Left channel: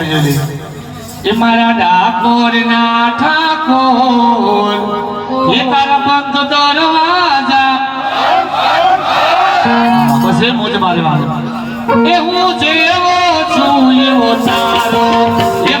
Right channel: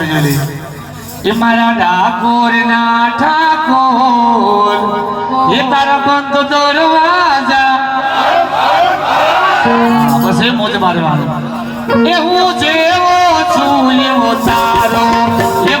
મારી જોઈ એ મારા ડાકોર ના ઠાકોર એ તારા બંધ દરવાજા બસ એ મોજ મારે વાળો એ હું જેવો છું એવો તારો એ